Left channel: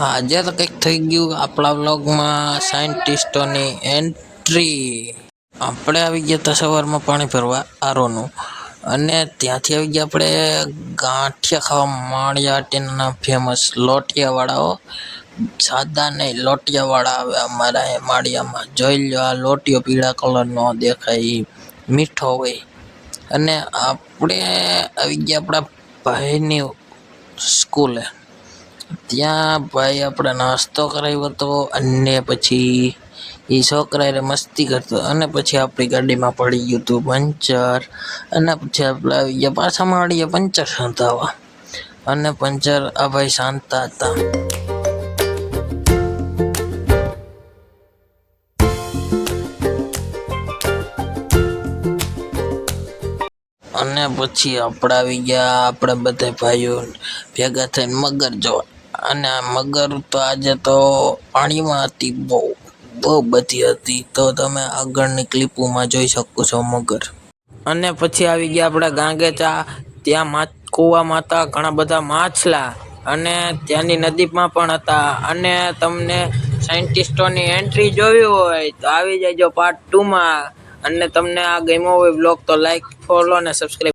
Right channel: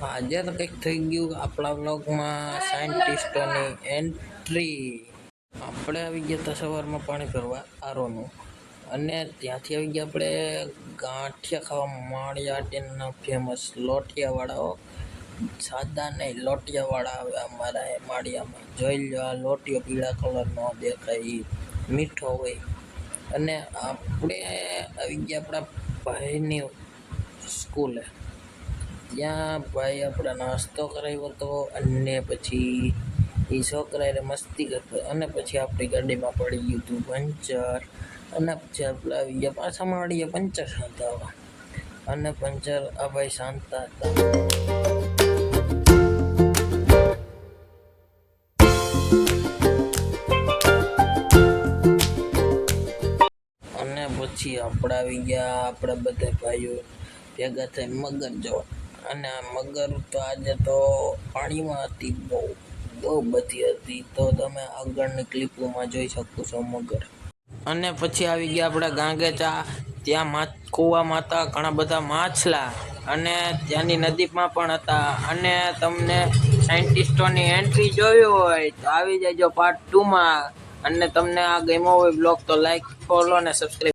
આજે તો કંઈક થઈ ગયું આપણા વ્લોગમાં સાયન્ટિસ્ટોની એન્ટ્રી. આપણે આવી ગયા હતા સવારમાં પાણી ભરવા આરોનું, અને ત્યાંથી આવી ગયા આપણે ગાંઠિયા ખાવા માળિયાટીના ફેમસ લોટિયાવાળાઓ. સાદા નહીં, લોટિયાવાળા આવે અમારા એ માળિયામાં. જોઈ લો, આ લોટિયો પીળા કલરનો દેખાય, મીઠો હોય. અને આપણે આવી ગયા આપણા ભાઈની સ્કૂલે. ત્યાં ભાઈ આપણે નાસ્તો કરાવ્યો હતો, અને પછી એ છોકરા મસ્તી કરતો, અને પછી આપણી ગાડીમાં પડી ગયું હતું પંચર. અને પછી આપણે આવી ગયા પાછા મળીએ પંચર શાંતાવા, અને પંચર આ ભાઈ શાંતા હતા. અને પછી આપણે આવી ગયા આપણે બધા ભાઈઓ ભેગા થઈને મગર જોવા. અને આ મગર તો આજે તો પાણીમાં હતી, બહુ બધી હતી. તો તમે આગળની ક્લિપોમાં જોઈ શકો છો મગર. અને પછી આવી ગયા આપણે ગાંગેચા. ત્યાં કૂવામાં હતા ઘણા બધા માછલા, અને ત્યાંની નદીમાં પણ હતા. અને તમને સાયન્ટિસ્ટોની એન્ટ્રી જોવી હોય તો આવી જજો પાર્ટ 2 માં. અને તમને આ ગમ્યો હોય બ્લોગ તો લાઈક, ફોલો અને સબસ્ક્રાઈબ.